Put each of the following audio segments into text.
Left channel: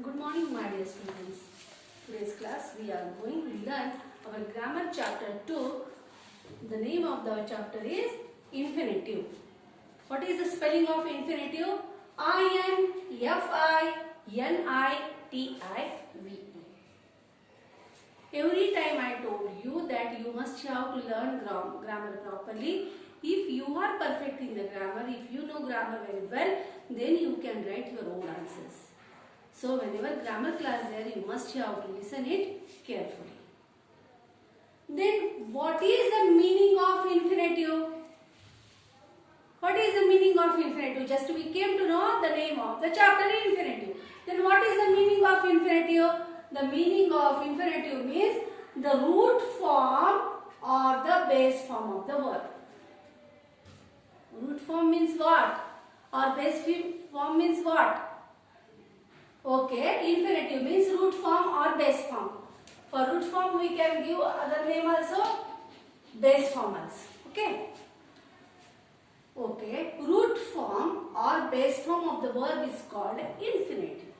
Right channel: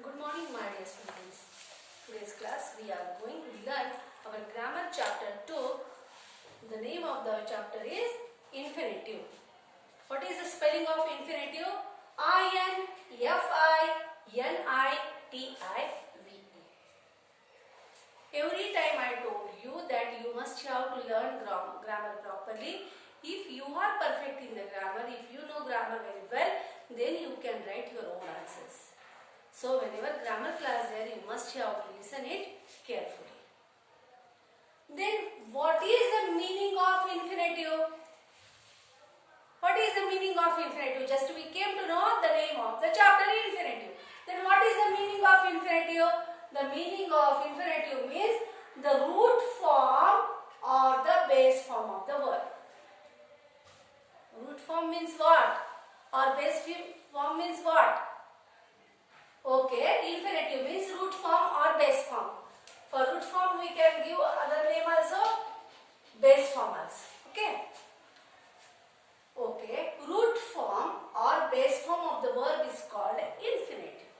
Good morning, my dear students. Today's class we are going to learn our grammar chapter 2. The name of the chapter is infinitive. What is the spelling of infinitive? I-N-F-I-N-I-T-I-V-E. Every time I told you that you must have to learn grammar properly. If you are perfect in the grammar, if you know grammar very well, then you can write your own answers. So whenever grammar class there, you must have to listen it carefully. Then what is the meaning of infinitive? What is the meaning of infinitive? Just we came to know the name of the chapter infinitive. Then what is the meaning of infinitive? The meaning of infinitive means the root form or the base form of the word. Root form means what? Or base form means what? Okay, infinitive means root form or base form. For root form we can give other name also, base form also. Okay. Okay, root form or base form of the verb is called infinitive.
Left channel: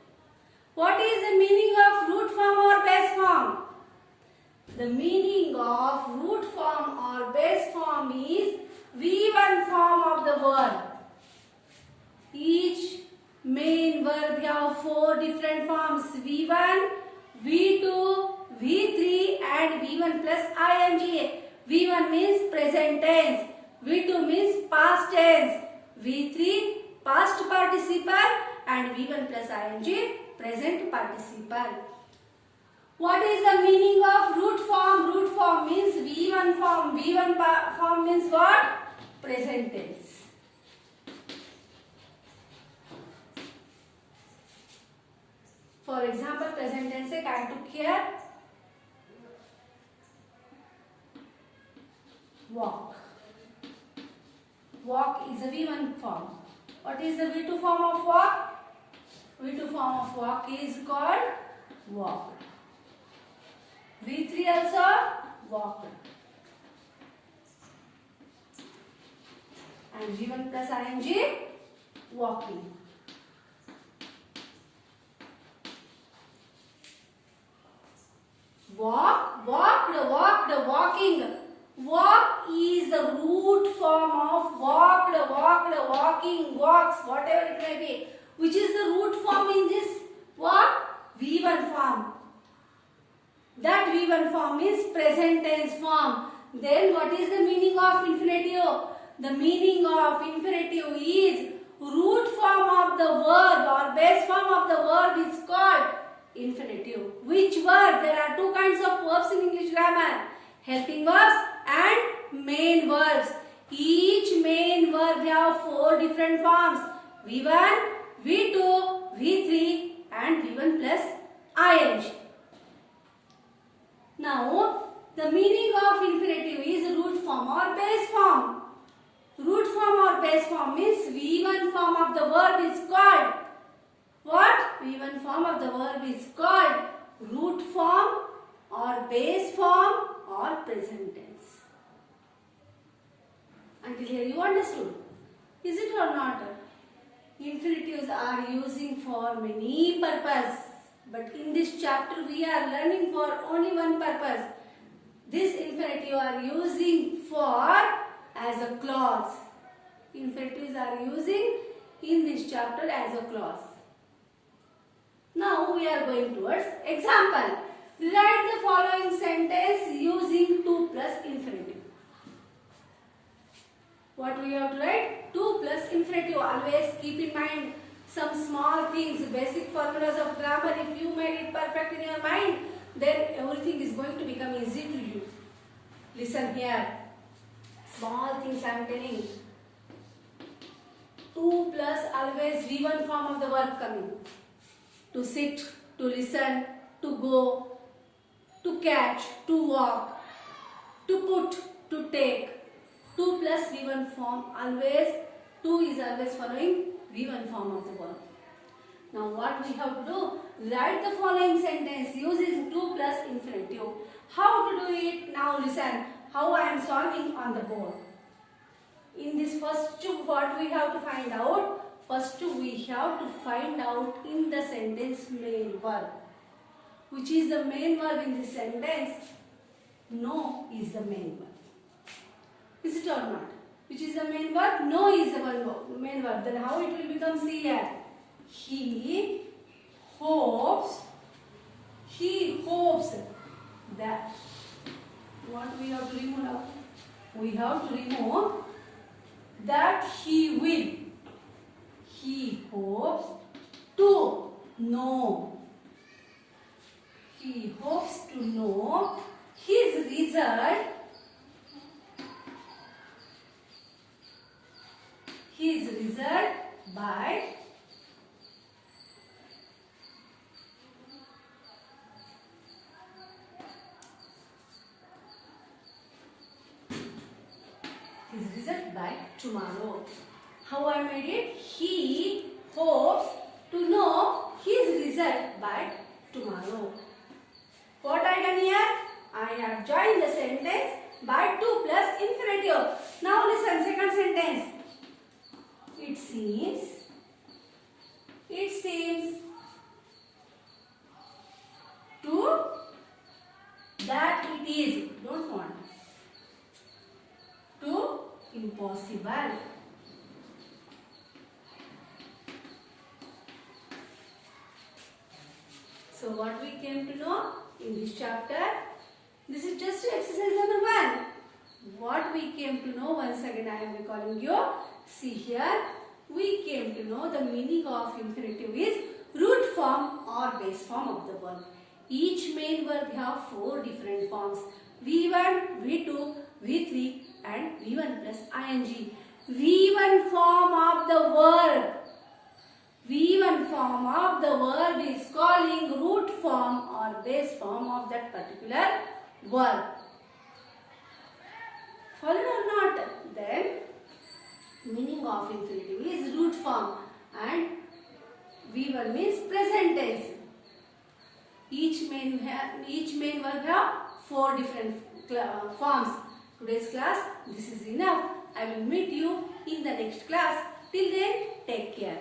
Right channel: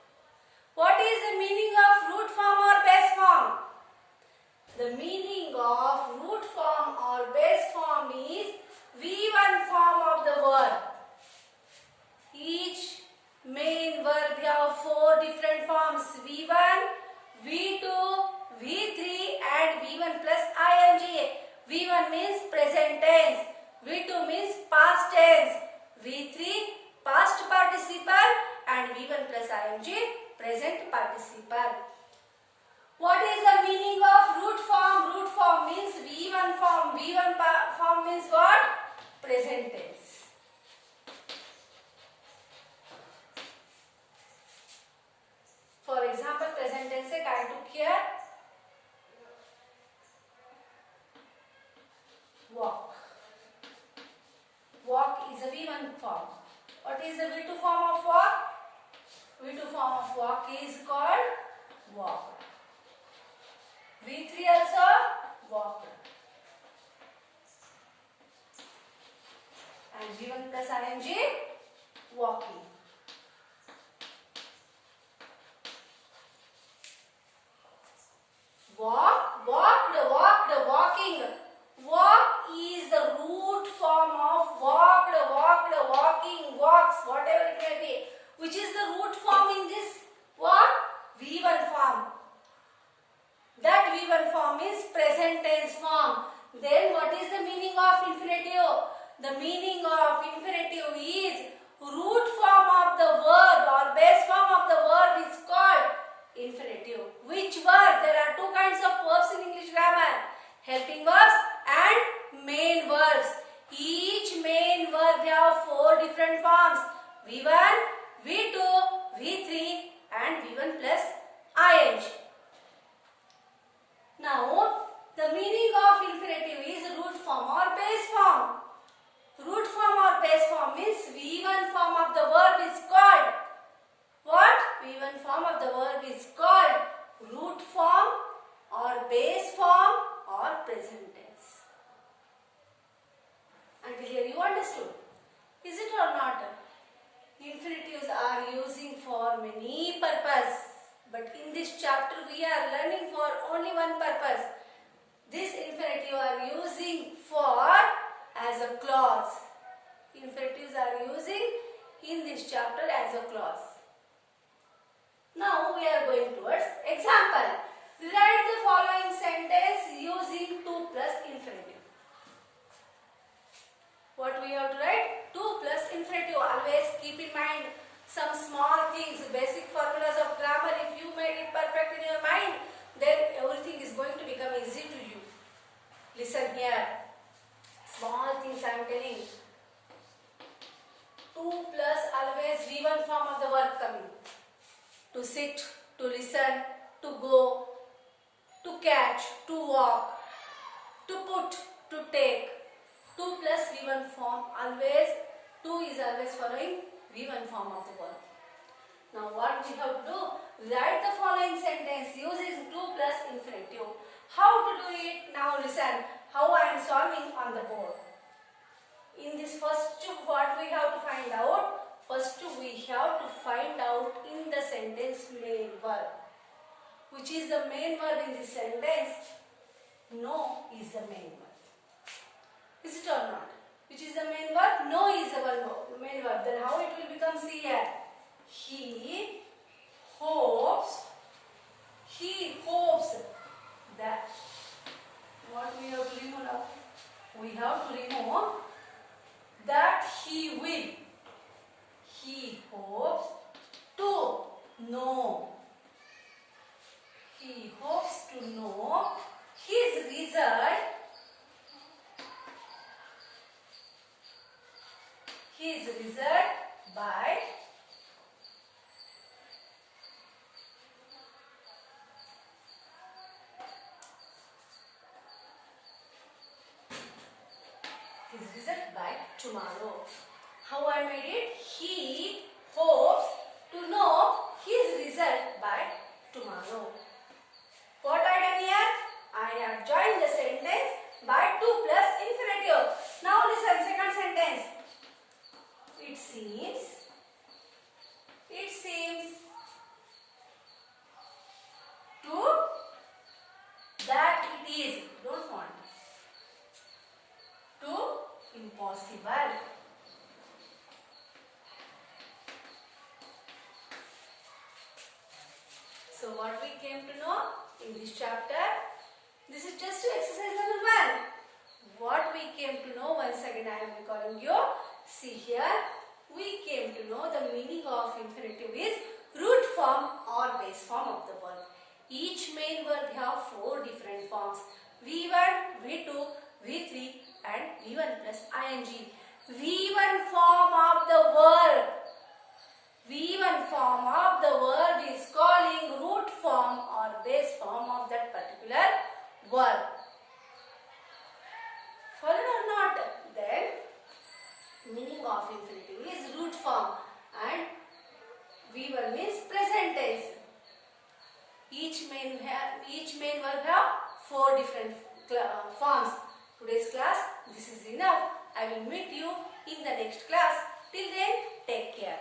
What is the meaning of root form or base form? The meaning of root form or base form is V1 form of the verb. Each main verb have 4 different forms: V1, V2, V3 and V1 plus ing. V1 means present tense, V2 means past tense, V3 past participle and V1 plus ing present participle. What is the meaning of root form? Root form means V1 form. V1 form means what? Present tense. For example, present tense I took here walk. Walk is a V1 form. What is the V2 form of walk? V2 form of walk is called walked. V3 also walked. And V1 plus ing walking. Walk, walked, walked, walking. Walk is the root form of walked, walked, walking, walks, whatever it may be. Which is the root form in this what? V1 form. That V1 form is present tense form. Then what is the meaning of infinitive? The meaning of infinitive is root form of the verb or base form of the verb is called infinitive. Which verb? There are 2 kinds of verbs in English grammar: helping verbs and main verbs. Each main verb have 4 different forms: V1, V2, V3 and V1 plus ing. Now, the meaning of infinitive is root form or base form. Root form or base form means V1 form of the verb is called what? V1 form of the verb is called root form or base form or present tense. Until here you understood. Is it or not? Infinitives are using for many purposes. But in this chapter we are learning for only one purpose. This infinitive are using for as a clause. Infinitives are using in this chapter as a clause. Now we are going towards example. Write the following sentence using 2 plus infinitive. What we have to write? 2 plus infinitive. Always keep in mind some small things, basic formulas of grammar. If you made it perfect in your mind, then everything is going to become easy to you. Listen here. Small things I am telling. 2 plus always V1 form of the verb coming. To sit, to listen, to go, to catch, to walk, to put, to take. 2 plus V1 form always, 2 is always following V1 form of the verb. Now what we have to do? Write the following sentence using 2 plus infinitive. How to do it? Now listen how I am solving on the board. In this first what we have to find out? First we have to find out in the sentence main verb. Which is the main verb in this sentence? No is the main verb. Is it or not? Which is the main verb? No is the main verb. Then how it will become? See here. He hopes that. What we have to remove now? We have to remove that he will. He hopes to know. He hopes to know his result. His result by tomorrow. How I made it? He hopes to know his result by tomorrow. What I done here? I have joined the sentence by 2 plus infinitive. Now listen, second sentence. It seems to that it is. Don't want. To impossible. So what we came to know in this chapter, this is just exercise number 1. What we came to know, once again I am recalling you. See here, we came to know the meaning of infinitive is root form or base form of the verb. Each main verb have 4 different forms: V1, V2, V3 and V1 plus ing. V1 form of the verb. V1 form of the verb is calling root form or base form of that particular verb. Followed or not? Then meaning of infinitive is root form and V1 means present tense. Each main verb have 4 different forms. Today's class, this is enough. I will meet you in the next class. Till then, take care.